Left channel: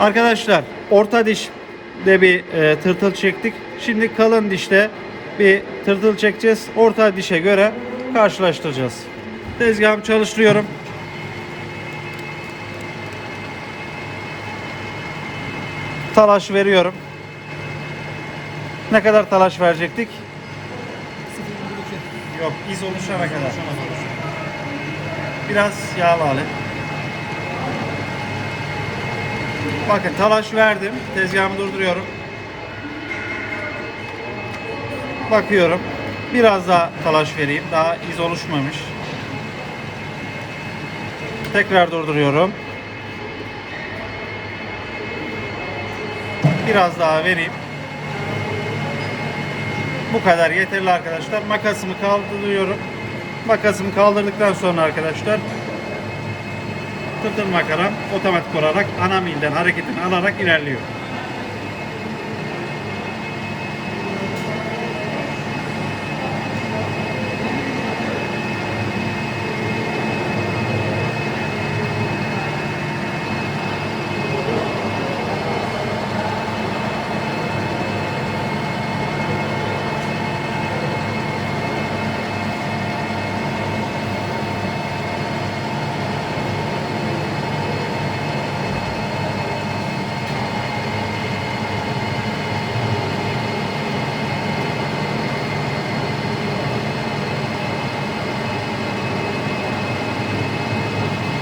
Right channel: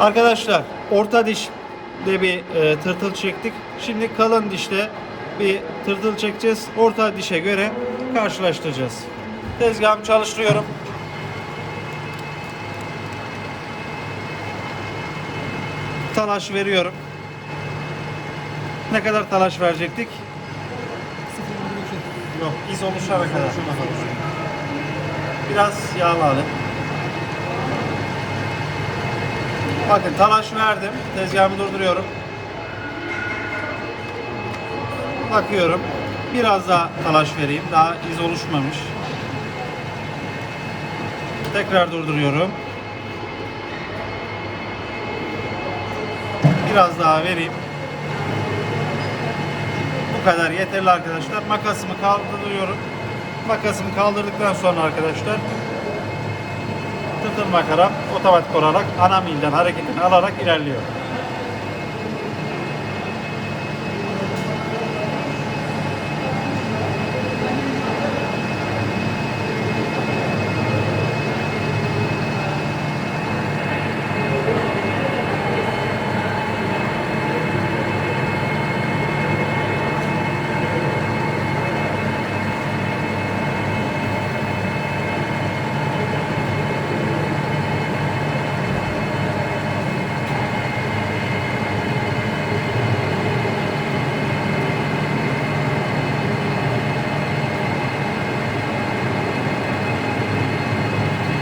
Arkadaşlar orta dişte bir e, tırtıl çektik. Şimdi kalın dişte bir tırtıl çekeceğiz. Orta dişe göre karşılaştıracağız. Tezgahımı çalıştırıyorum. Talaş veriyorum. Ne kadar talaş verecektik? Yok, iz oluşana kadar. Biraz yağlı Bakın talaş verdim. Tezgahımı durduruyorum. Bakıyorum. Biraz daha talaş vereyim. Daha iz oluşmamış. Tekrar durduruyorum. Biraz daha vereyim. Bu kadar yeterli arkadaşlar. Makasımı kaldırıyorum. Makasımı kaldırdıktan sonra arkadaşlar tırtıl makaram otomatik olarak ana milden hareketini alarak ilerliyor.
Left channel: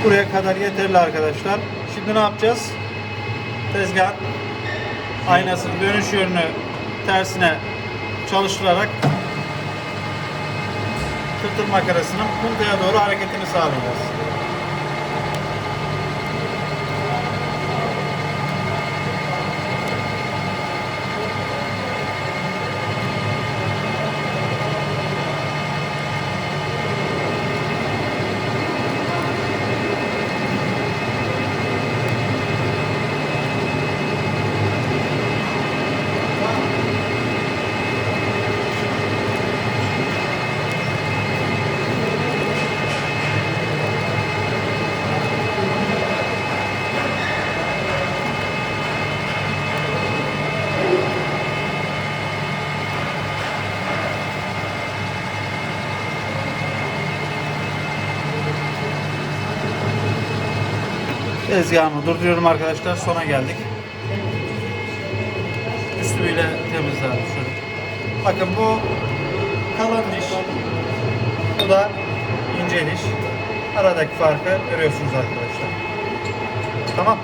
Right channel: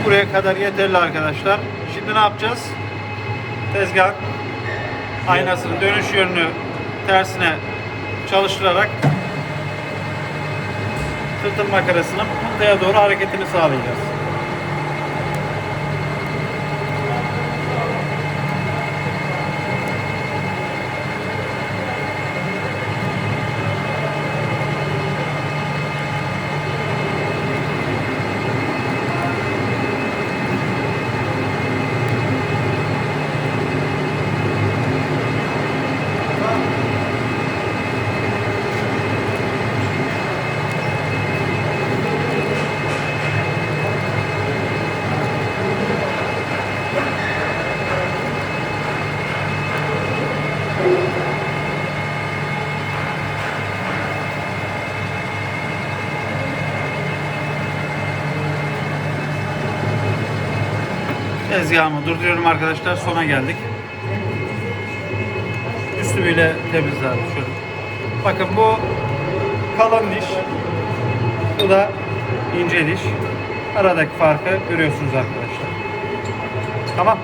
Buraya kadar yeterli arkadaşlar. Şimdi ne yapacağız? Tezgah aynasının dönüş yönünü tersine çalıştırarak tırtıl makarasının puntaya doğru hareketini sağlayacağız. Tezgahımı durduruyorum arkadaşlar. Sona geldik. Üstü bile şöyle. Bakın bu kalın diş. Bu da ince diş. Aradaki farkı görüyorsunuz arkadaşlar. Tamam.